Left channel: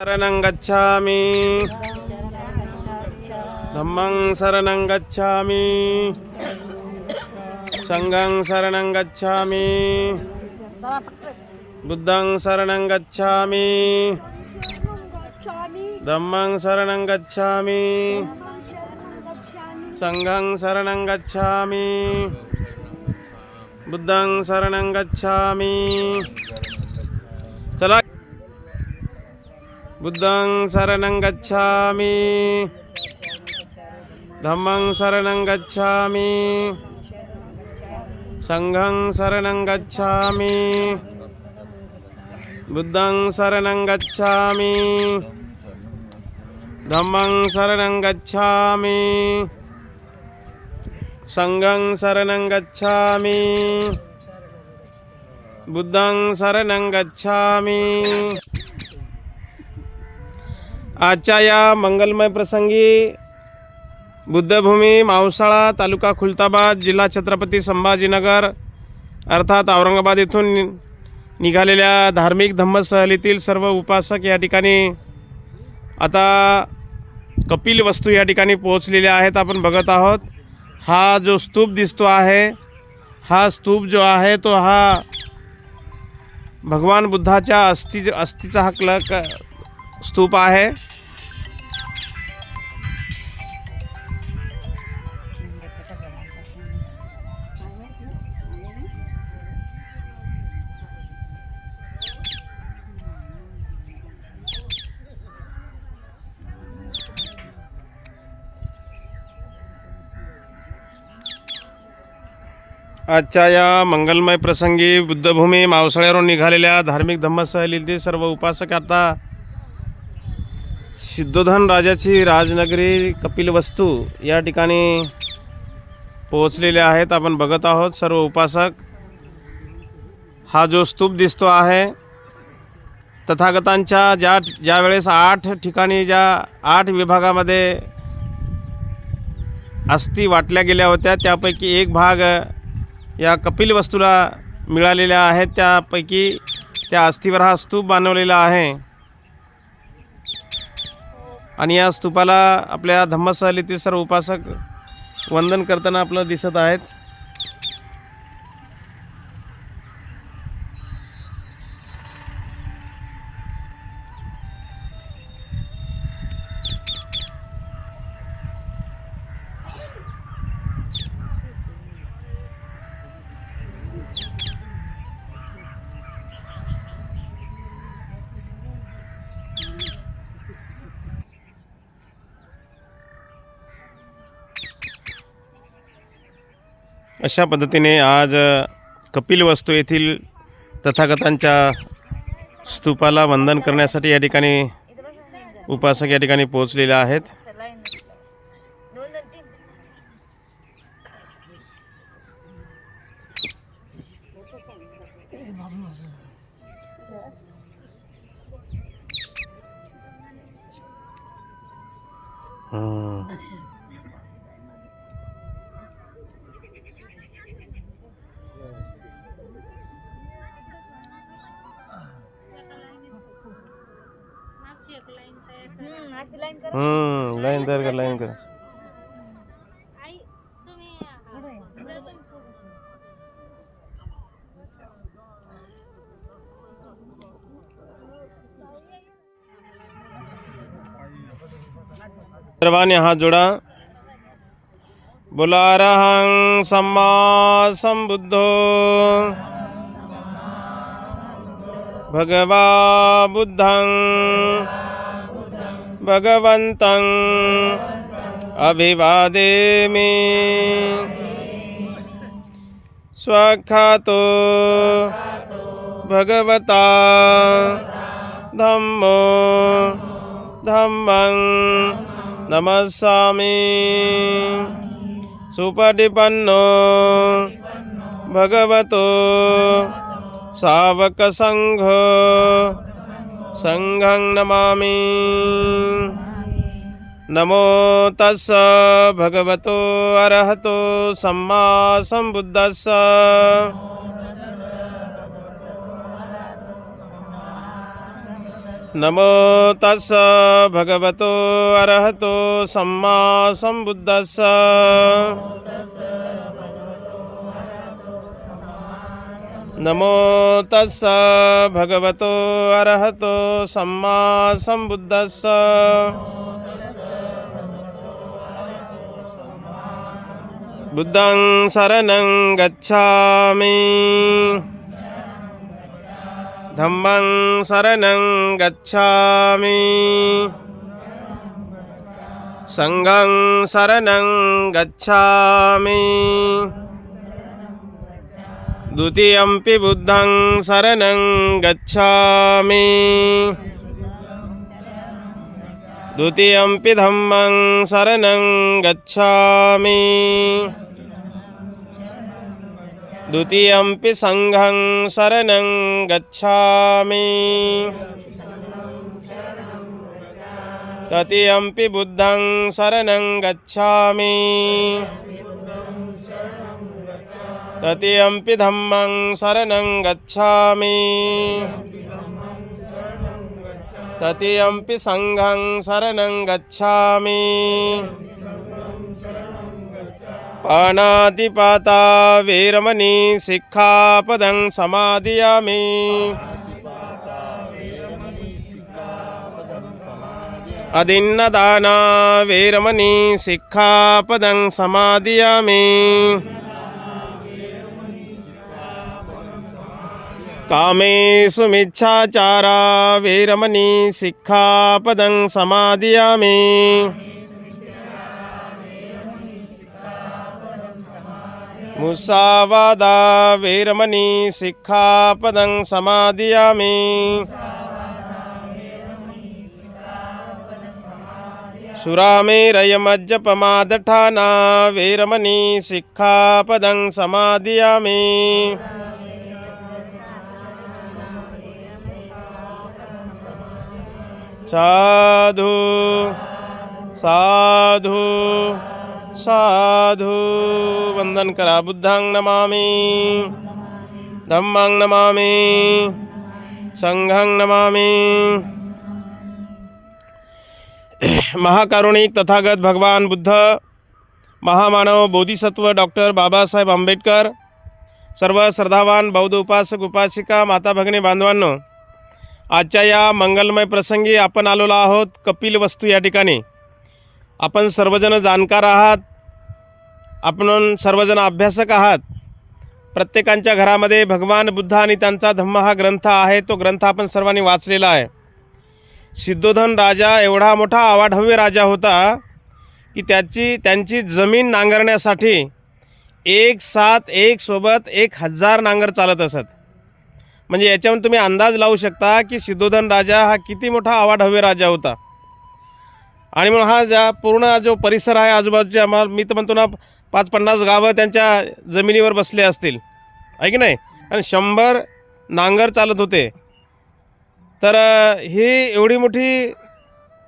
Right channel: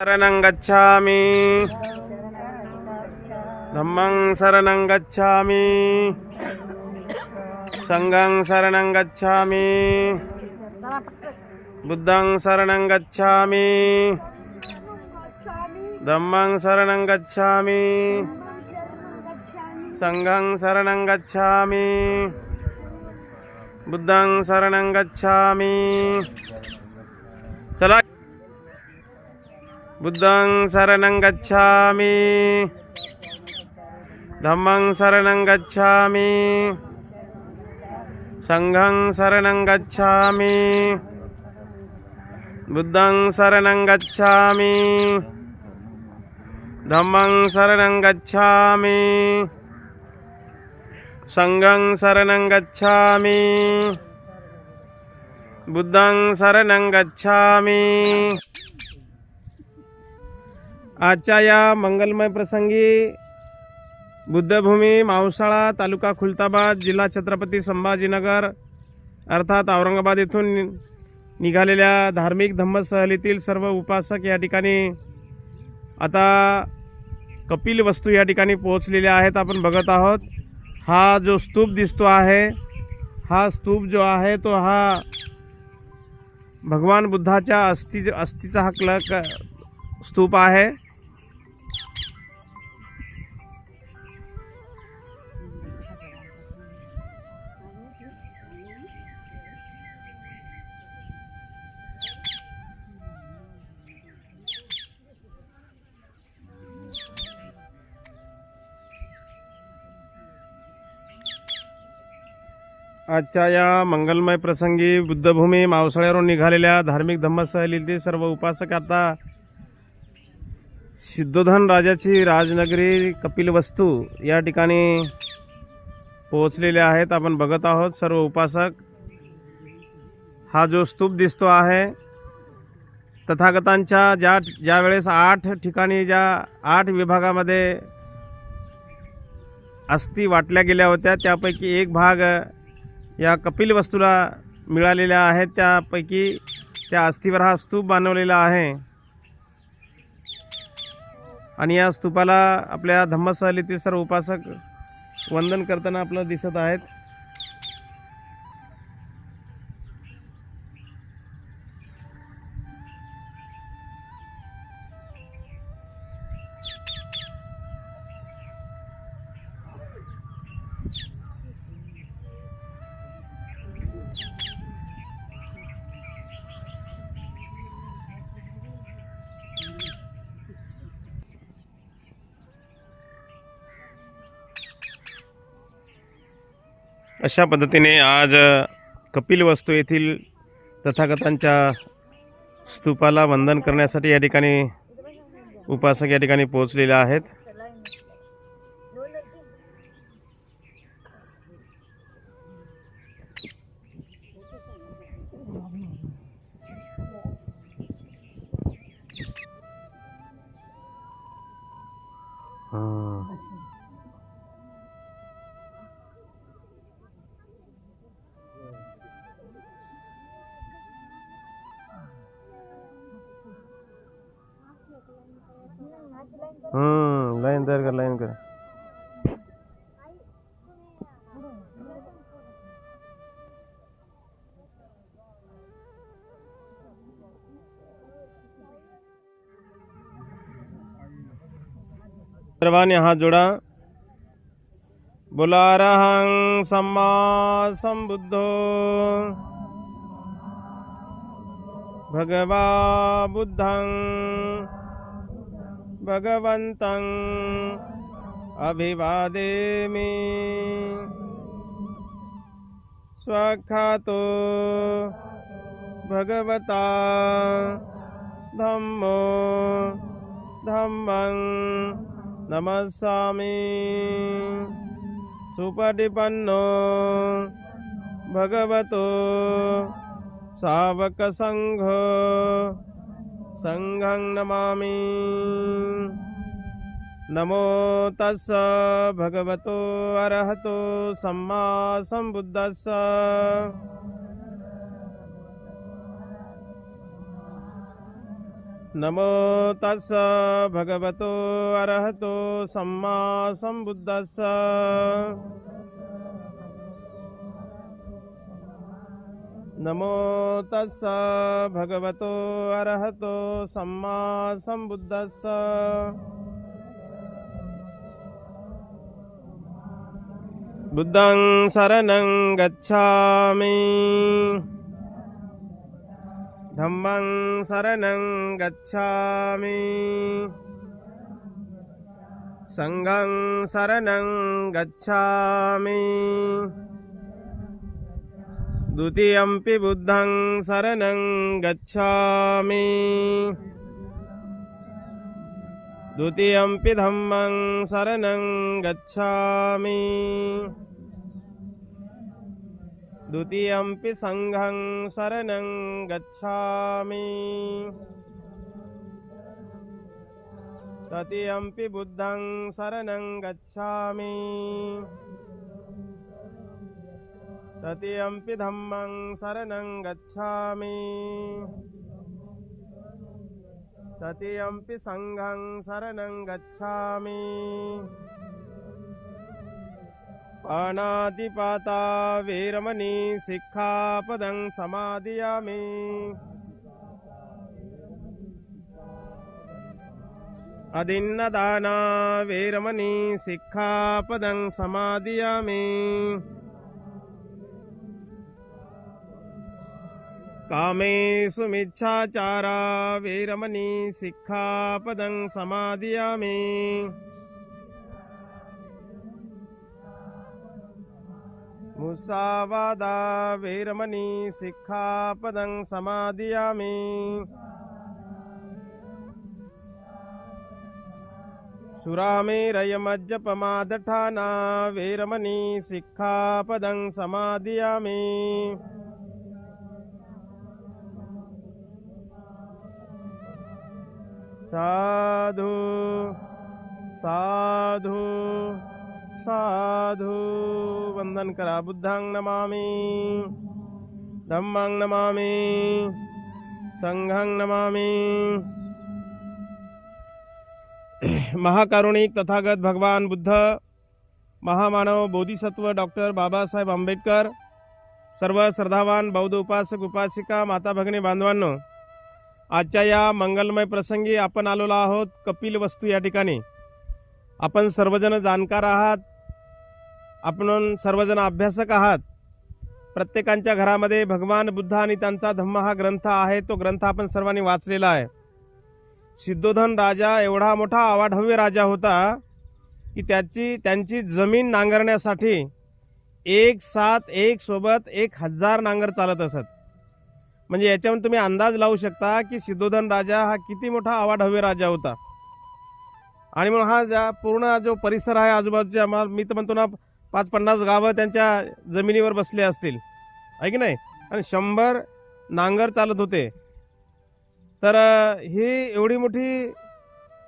शरणं गच्छामि धम्मं शरणं गच्छामि संघं शरणं गच्छामि बुद्धं शरणं गच्छामि धम्मं शरणं गच्छामि संघं शरणं गच्छामि बुद्धं शरणं गच्छामि। चला, बुद्धं शरणं गच्छामि धम्मं शरणं गच्छामि संघं शरणं गच्छामि बुद्धं शरणं गच्छामि धम्मं शरणं गच्छामि संघं शरणं गच्छामि बुद्धं शरणं गच्छामि। आजच्या या मंगलमय प्रसंगी बुद्धभूमी मावसाळा तालुका खुलताबाद जिल्हा छत्रपती संभाजीनगर अर्थात औरंगाबाद येथून निघालेल्या धार्मिक धम्मसहलीतील सर्व उपासक या ठिकाणी आता कपिल वस्तू या ठिकाणी पोहोचलेले आहेत। आपण बघत आहोत हा जो स्तूप दिसतो आहे, हा स्तूप जो आहे तो हा भगवान बुद्धाच्या अस्थिचा हा स्तूप आहे। आजच्या या मंगलमय प्रसंगी बुद्धभूमी मावसाळ्यावरून निघालेल्या धार्मिक धम्मसहलीतील सर्व उपासक आता सिद्धोधन राजाची राजनगरी कपिलवस्तू या ठिकाणी पोहोचलेले आहेत। आपण बघत आहोत सर्व उपासक। हा जो स्तूप दिसतो आहे तथागतांच्या ज्या वेळेस 8 ठिकाणी ज्या 8 विभागामध्ये अस्थी वाटल्या गेल्या होत्या त्यापैकी एक भाग या कपिल वस्तूला मिळालेल्या आहेत। त्यापैकी त्या अस्थीवर हा स्तूप बनवलेला आहे आणि या स्तूपाला आपल्या धम्मसहलीतील सर्व उपासक वंदन करताना आपल्याला दिसत आहेत। अशा पद्धतीने आज कपिलवस्तू येथील तथागतांच्या स्तूपाला वंदन करण्यासाठी या ठिकाणी उपासक या ठिकाणी पोहोचलेले आहेत। लाइन तैयार कर, लाइन कर। सर्वांनी हात जोडा। बोला अरहं सम्मा संबुद्धो भगवा बुद्धं भगवन्तं अभिवादेमि। स्वाख्यातो भगवता धम्मो धम्मं नमस्सामि। सुपटिपन्नो भगवतो सावकसंघो संघं नमामि। नमो तस्स भगवतो अरहतो सम्मा संबुद्धस्स। नमो तस्स भगवतो अरहतो सम्मा सम्बुद्धस्स। नमो तस्स भगवतो अरहतो सम्मा सम्बुद्धस्स। बुद्धं शरणं गच्छामि, धम्मं शरणं गच्छामि, संघं शरणं गच्छामि, द्वितीयंपि बुद्धं शरणं गच्छामि, द्वितीयंपि धम्मं शरणं गच्छामि, द्वितीयंपि संघं शरणं गच्छामि, तृतीयंपि बुद्धं शरणं गच्छामि, तृतीयंपि धम्मं शरणं गच्छामि, तृतीयंपि संघं शरणं गच्छामि। पाणातिपाता वेरमणि सिक्खापदं समादियामि। अदिन्नदाना वेरमणि सिक्खापदं समादियामि। कामेषु मिच्छाचारा वेरमणि सिक्खापदं समादियामि। मुसावादा वेरमणि सिक्खापदं समादियामि। सुरामेरयमज्जपमादठाना वेरमणि सिक्खापदं समादियामि। साधु साधु साधु। वंदन करा। बुद्धं नमामि, धम्मं नमामि, संघं नमामि। महाकारुणिक तथागत भगवान बुद्ध, महामानव बोधिसत्व डॉक्टर बाबासाहेब आंबेडकर, सर्व श्रद्धावान बौद्ध उपासक उपासिका माता भगिनी बांधवांनो, आजच्या या मंगलमय प्रसंगी आपण आलेलो आहोत कपिल वस्तू या ठिकाणी। आपण सर्वजण जाणकार आहात, आपण सर्वजण अभ्यासक आहात। प्रत्येकांच्या घरामध्ये भगवान बुद्ध आणि त्यांचा धम्म हा ग्रंथ आहे। तो ग्रंथ आपण सर्वांनी वाचलेला आहे। सिद्धोधन राजा एवढा मोठा अवाढव्य राजा होता की त्यांची जमीन नांगरण्यासाठी एक सोबत 1000 नांगर चालत असत। म्हणजे याच्यावरून तुम्ही अंदाज लावू शकता की सिद्धोधन राजा हा किती मोठा अवाढव्य राजा होता। आणि म्हणून हा पूर्ण जो परिसर आहे आजूबाजूच्या, मी तर म्हणतो ना 50-50 गावं त्यांच्या जमिनीवर बसले असतील, आहे की नाही? आणि 100 नांगर चालत होते। तर ही एवढी मोठी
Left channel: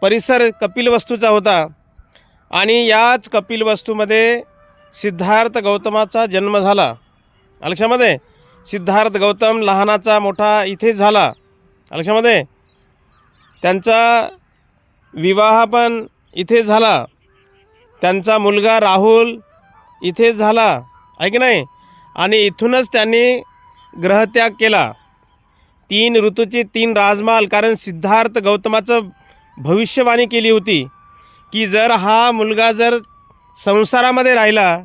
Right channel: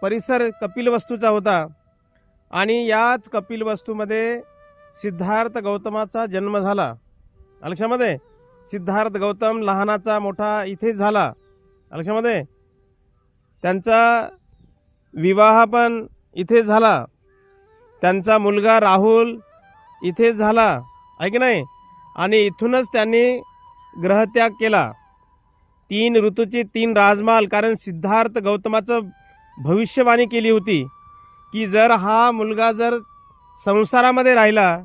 परिसर कपिलवस्तूचा होता। आणि याच कपिलवस्तूमध्ये सिद्धार्थ गौतमाचा जन्म झाला। लक्षामध्ये, सिद्धार्थ गौतम लहानाचा मोठा इथे झाला। लक्षामध्ये, त्यांचा विवाह पण इथे झाला। त्यांचा मुलगा राहुल इथे झाला, आहे की नाही? आणि इथूनच त्यांनी ग्रहत्याग केला। 3 ऋतूचे 3 राजमहाल, कारण सिद्धार्थ गौतमाचं भविष्यवाणी केली होती की जर हा मुलगा जर संसारामध्ये राहिला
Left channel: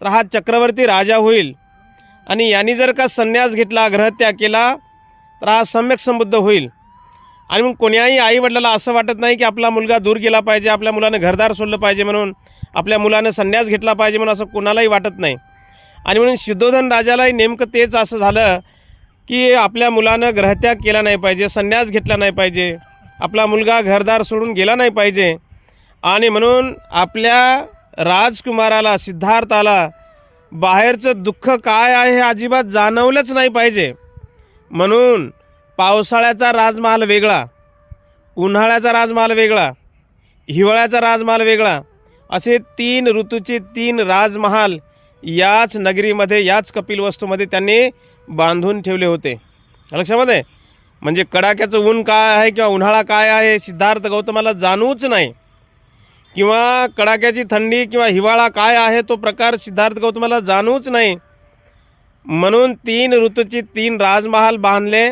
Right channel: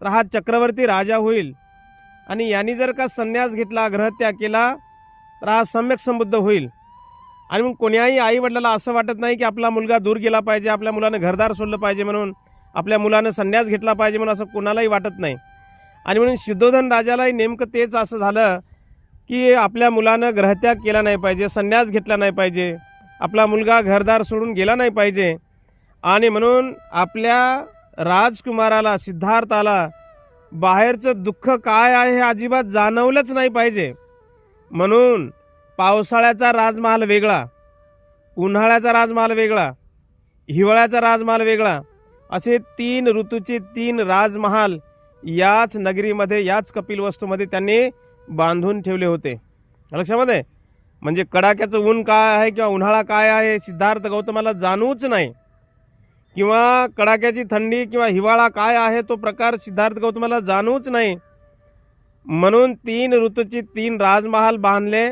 तर हा चक्रवर्ती राजा होईल, आणि यांनी जर का संन्यास घेतला, ग्रहत्याग केला, तर हा सम्यक संबुद्ध होईल। आणि मग कोण्याही आईवडिलाला असं वाटत नाही की आपला मुलगा दूर गेला पाहिजे, आपल्या मुलानं घरदार सोडलं पाहिजे, म्हणून आपल्या मुलानं संन्यास घेतला पाहिजे म्हणून असं कोणालाही वाटत नाही। आणि म्हणून सिद्धोधन राजालाही नेमकं तेच असं झालं की आपल्या मुलानं ग्रहत्याग केला नाही पाहिजे, संन्यास घेतला नाही पाहिजे, आपला मुलगा घरदार सोडून गेला नाही पाहिजे। आणि म्हणून आपल्या राजकुमाराला, सिद्धार्थाला बाहेरचं दुःख काय आहे हे अजिबात जाणवलंच नाही पाहिजे। म्हणून पावसाळ्याचा राजमहाल वेगळा, उन्हाळ्याचा राजमहाल वेगळा, हिवाळ्याचा राजमहाल वेगळा, असे 3 ऋतूचे 3 राजमहाल याच नगरीमध्ये, याच कपिलवस्तूमध्ये त्यांनी बांधून ठेवले होते। लक्षामध्ये, म्हणजे कडाक्याचं ऊन काय आहे किंवा उन्हाळा काय आहे सिद्धार्थ गौतमाला जाणूच नाही, किंवा कडाक्याची थंडी किंवा हिवाळा काय आहे तो प्रकार सिद्धार्थ गौतमाला जाणूच नाही. म्हणून 3 ऋतूची 3 राजमहाल बांधले.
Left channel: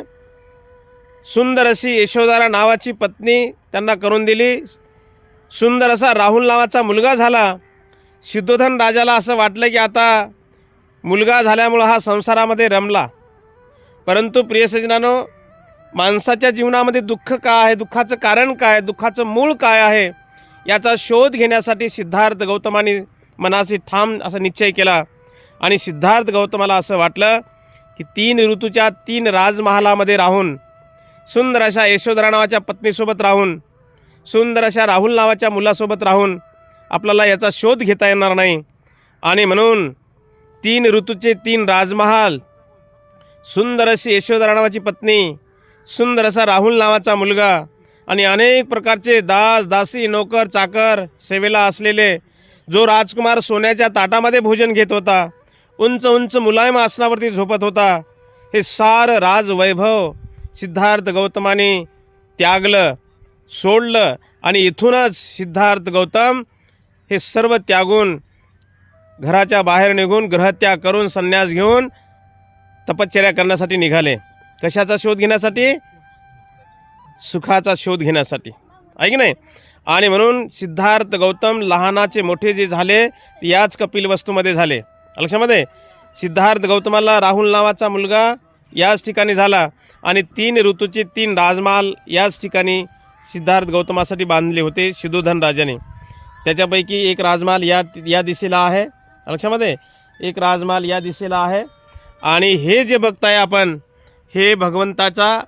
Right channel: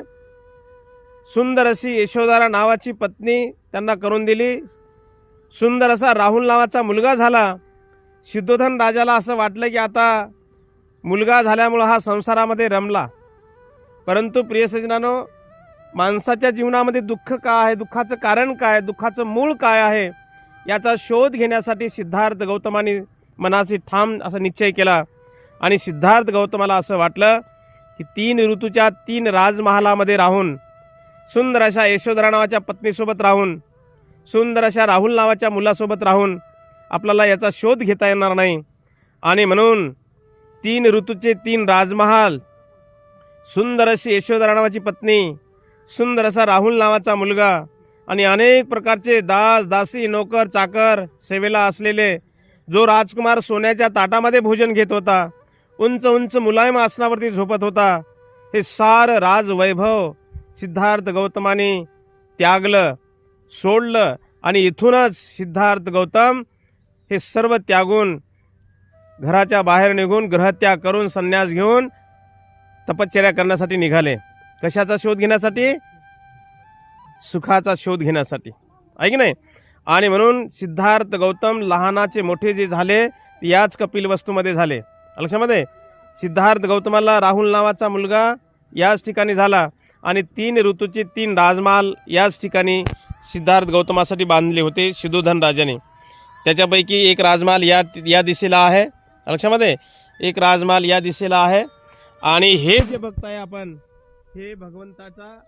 सुंदर अशी यशोधरा नावाची पत्नी त्यांना करून दिली. सुंदर असा राहुल नावाचा मुलगा झाला. शुद्धोधन राजाला असं वाटलं की आता मुलगा झाल्यामुळं हा संसारामध्ये रमला. परंतु प्रिय सज्जनांनो, माणसाच्या जीवनामध्ये दुःख काय आहे, दुःखाचं कारण काय आहे, दुःखाचं मूळ काय आहे याचा शोध घेण्यासाठी सिद्धार्थ गौतमाने मनाशी ठाम असा निश्चय केला. आणि सिद्धार्थ गौतमाला असं वाटलं की 3 ऋतूच्या 3 राजमहालामध्ये राहून, सुंदर अशा यशोधरा नावाच्या पत्नीसोबत राहून, सुंदर अशा राहुल नावाच्या मुलासोबत राहून आपल्याला याचा शोध घेता येणार नाही. आणि म्हणून 3 ऋतूचे 3 राजमहाल, सुंदर अशी यशोधरा नावाची पत्नी, सुंदर असा राहुल नावाचा मुलगा आणि अनेक प्रकारचे दास दासी नोकर चाकर सेवेला असलेले, जो राजकुमार सोन्याच्या ताटामध्ये भोजन घेत होता, उंच उंच मुलायम आसनावरती झोपत होता, हे सारं राजवैभव सिद्धार्थ गौतमाने त्यागलं, सोडलं. आणि इथूनच सिद्धार्थ गौतम हे सर्व त्यागून घराच्या बाहेर निघून ग्रहत्याग करून संन्यास घेऊन तपश्चर्या करण्यासाठी निघाले. कशाचा शोध घेण्यासाठी? सुखाचा शोध घेण्यासाठी, आहे की नाही. आणि म्हणून सिद्धार्थ गौतम लहानाचे मोठे जे झाले याच कपिलवस्तूमध्ये झाले. लक्षामध्ये सिद्धार्थ गौतमाला राहुल नावाचा मुलगा याच ठिकाणी झाला आणि 3 ऋतूचे 3 राजमहाल याच ठिकाणी सिद्धार्थ गौतमासाठी बांधले होते शुद्धोधन राजाने. त्याच्यापैकी एक राजमहाल या दिशेला आहे. लक्षामध्ये एक राजमहाल या दिशेला आहे. आणि हे जे बघताय आपण, हे भगवंताचा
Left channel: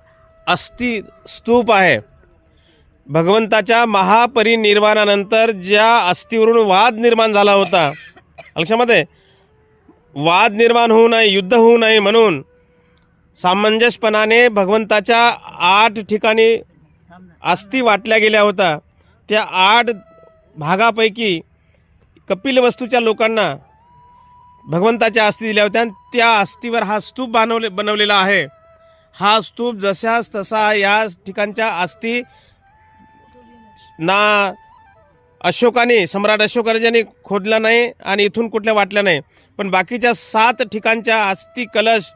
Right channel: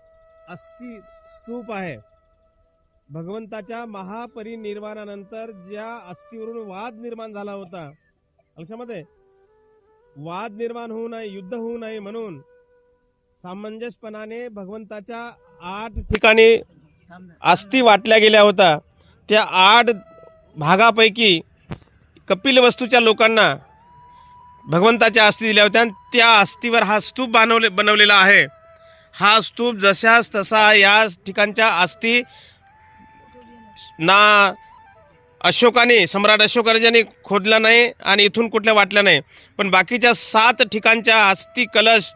अस्थि स्तूप आहे. भगवंताच्या महापरिनिर्वाणानंतर ज्या अस्थिवरून वाद निर्माण झाला होता, लक्षामध्ये वाद निर्माण होऊ नये, युद्ध होऊ नये म्हणून सामंजस्यपणाने भगवंताच्या 8 ठिकाणी अस्थी वाटल्या गेल्या होत्या. त्या 8 भागापैकी कपिलवस्तूच्या लोकांना भगवंताच्या अस्थी दिल्या होत्या आणि त्या अस्थीवर हा स्तूप बनवलेला आहे. हा स्तूप जशास तसा या ठिकाणच्या अस्थी ना अशोकाने, सम्राट अशोक राजाने खोदला नाही आणि इथून कुठल्या वाटल्या नाही, पण बाकीच्या 7 ठिकाणच्या अस्थी कलश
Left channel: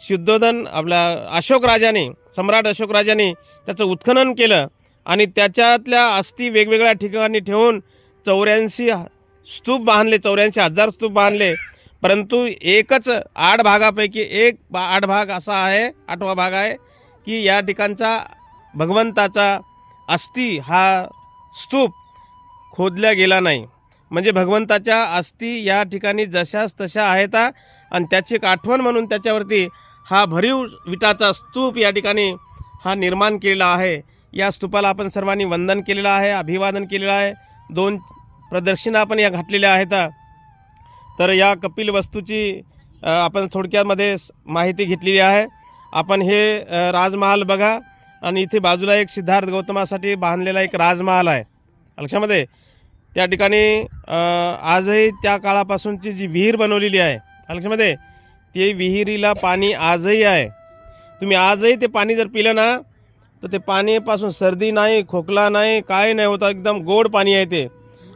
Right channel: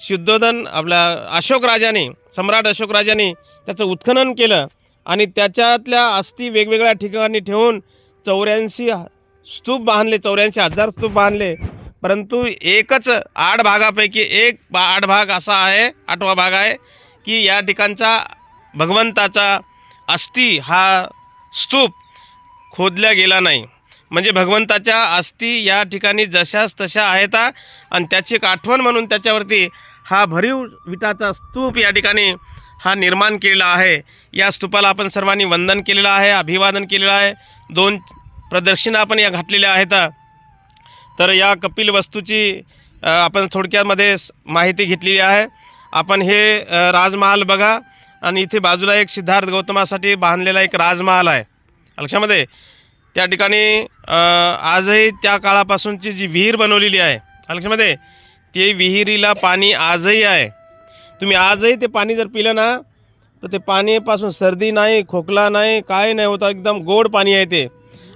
शुद्धोधन आपल्या अशोक राजाने, सम्राट अशोक राजाने त्याचं उत्खनन केलं आणि त्याच्यातल्या अस्थी वेगवेगळ्या ठिकाणी ठेवून 84 स्तूप बांधले, 84,000 स्तूप बांधले. परंतु एकच 8 भागापैकी एक 8 भाग असा आहे, 8वा भाग आहे की या ठिकाणचा भगवंताचा अस्थी हा स्तूप खोदल्या गेला नाही. म्हणजे भगवंताच्या अस्थी या ठिकाणी जशास तशा आहेत आणि त्याची एक आठवण म्हणून त्याच्यावरती हा भरीव विटाचा स्तूप या ठिकाणी हा निर्माण केलेला आहे. या स्तूपाला आपण सर्वांनी वंदन केलेलं आहे, अभिवादन केलेलं आहे. 2 प्रदक्षिणा आपण या घातलेल्या आहेत. तर या कपिल वस्तूची आपण थोडक्यामध्ये माहिती घेतलेली आहे. आपण हे राजमहाल बघा आणि इथे बाजूला एक सिद्धार्थ गौतमासाठी बांधलेला एक राजमहाल आहे. लक्षामध्ये त्या ठिकाणी आजही त्या काळापासूनची जी विहीर बनवलेली आहे, लक्षामध्ये ते विहिरीला पाणी आजही आहे. तुम्ही आजही ते पाणी जर पिलं ना तर ते पाणीपासून सर्दी नाही, खोकला नाही, काय नाही होता, एकदम गोड पाणी आहे ते.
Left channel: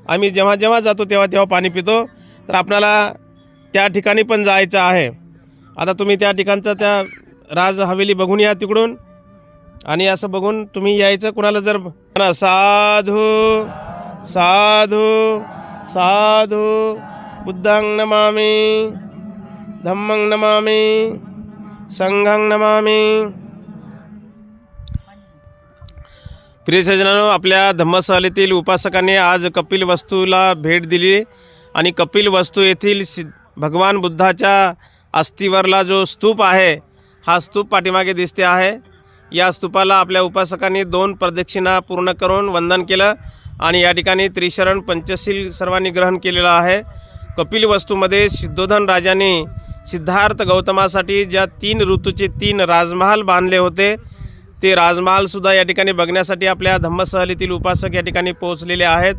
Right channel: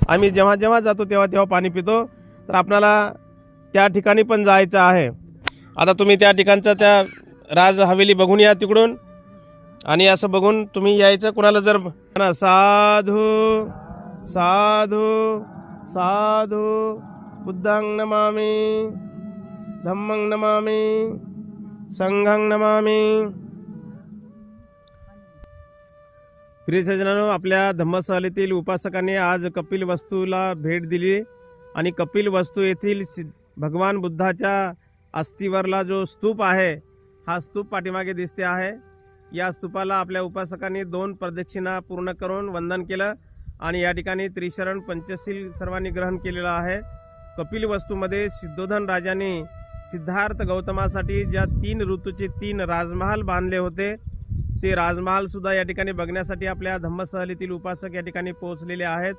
आम्ही जेव्हा जेव्हा जातो तेव्हा पाणी पितो. तर आपल्याला त्या ठिकाणी पण जायचं आहे. आता तुम्ही त्या ठिकाणचं त्या राज हवेली बघून या तिकडून, आणि असं बघून तुम्ही यायचं. कुणाला जर साधू साधू साधू बुद्धं नमामि, धम्मं नमामि, संघं नमामि. प्रिय सज्जनांनो, आपल्या धम्मसहलीतील उपासकांनी आज कपिल वस्तूला भेट दिली आणि कपिल वस्तू येथील भगवान बुद्धाच्या अस्थिवरला जो स्तूप आहे, हा स्तूप पाठीमागे दिसते आहे. या स्तूपाला आपल्या उपासकांनी 2 प्रदक्षिणा पूर्ण करून वंदन केलं आणि या ठिकाणी त्रिशरण पंचशील सर्वांनी ग्रहण केलेलं आहे. कपिल वस्तूमध्ये शुद्धोधन राजाने सिद्धार्थ गौतमासाठी ज्या 3 ऋतूचे 3 राजमहाल बांधले होते, ते राजमहालसुद्धा या ठिकाणी बघण्यासाठी आपल्या धम्मसहलीतील उपासक या ठिकाणी पोहोचलेले आहेत.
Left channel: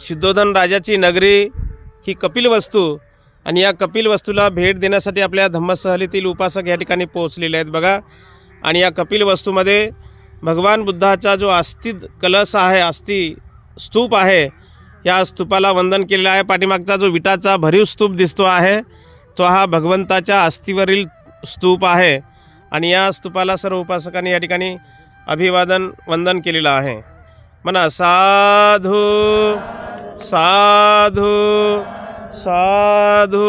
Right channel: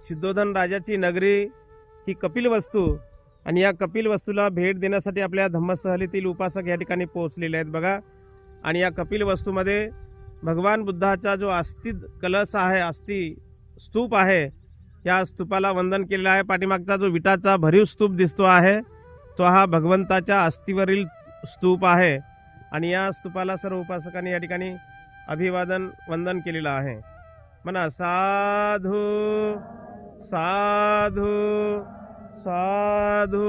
शुद्धोधन राजाची नगरी ही कपिल वस्तू आणि या कपिल वस्तूला भेट देण्यासाठी आपल्या धम्मसहलीतील उपासक या ठिकाणी पोहोचलेले आहेत. बघा, आणि या कपिल वस्तूमध्ये भगवान बुद्धाचा जो अस्थि कलश आहे, अस्थि स्तूप आहे, या स्तूपाला वंदन केलेलं आहे. पाठीमागचा जो विटाचा भरीव स्तूप दिसतो आहे तो हा भगवंताच्या अस्थीवरील स्तूप आहे. आणि या स्तूपाला सर्व उपासकांनी या ठिकाणी अभिवादन वंदन केलेलं आहे. म्हणा साधू साधू साधू.